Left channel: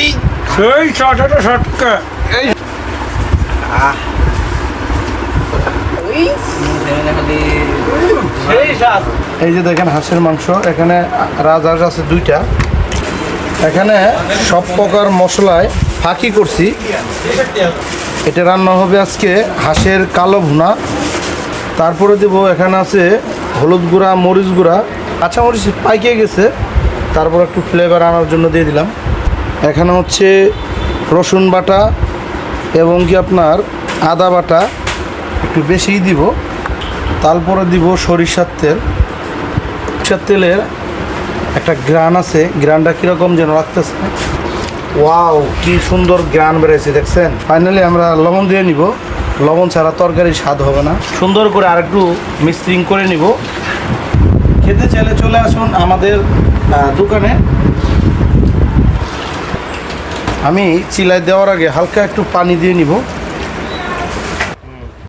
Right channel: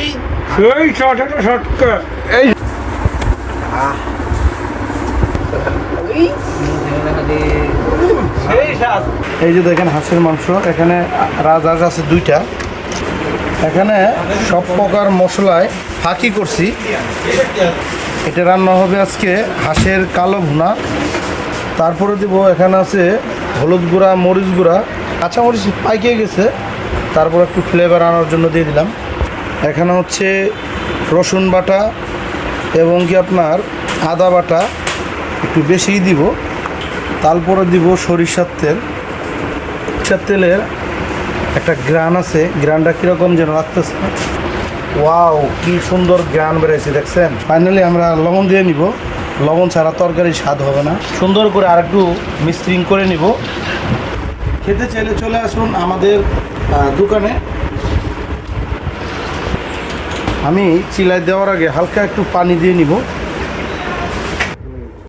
ওই সেই ছটাটা শটকা এই এই যে দেখেন হাঁসের মাংস এখানে রাজহাঁস আছে দুইটা। এখানে সব প্রকার মশলায় ফাঁকি করছি। এটা রান্না হবে আজকে হাঁসের কালো ভুনা। তারপরে দেবো এখানে আছে হলুদ গুঁড়া মরিচ গুঁড়া। কাঁচামরিচ পাইকে গেছে। তারপর একটু ফ্লেভার আনার জন্য দিয়ে দিলাম। এখানে হচ্ছে রসুন বাটা এবং কি আপনার আদা বাটা। একটু বেশিই দিব। তারপরে দিব সরিষার তেল। সরিষার তেলের একটা গ্রান আছে। গ্রানটা কীরকম যেন রাখতেছে ওয়াও, কি সুন্দর গ্রান বেড়েছে দেখছেন? ফাইনালি আমরা লবণ দিয়ে নিব। লবণ ছাড়া তরকারি স্বাদ হবে না। সুন্দর করে আরেকটু মিক্সিং করে নিব। খেতে চাইলে চলে আসুন আমাদের দোকানে। আমি চিলাই দেওয়ার আগে হালকা একটু পানি দিয়ে নিব।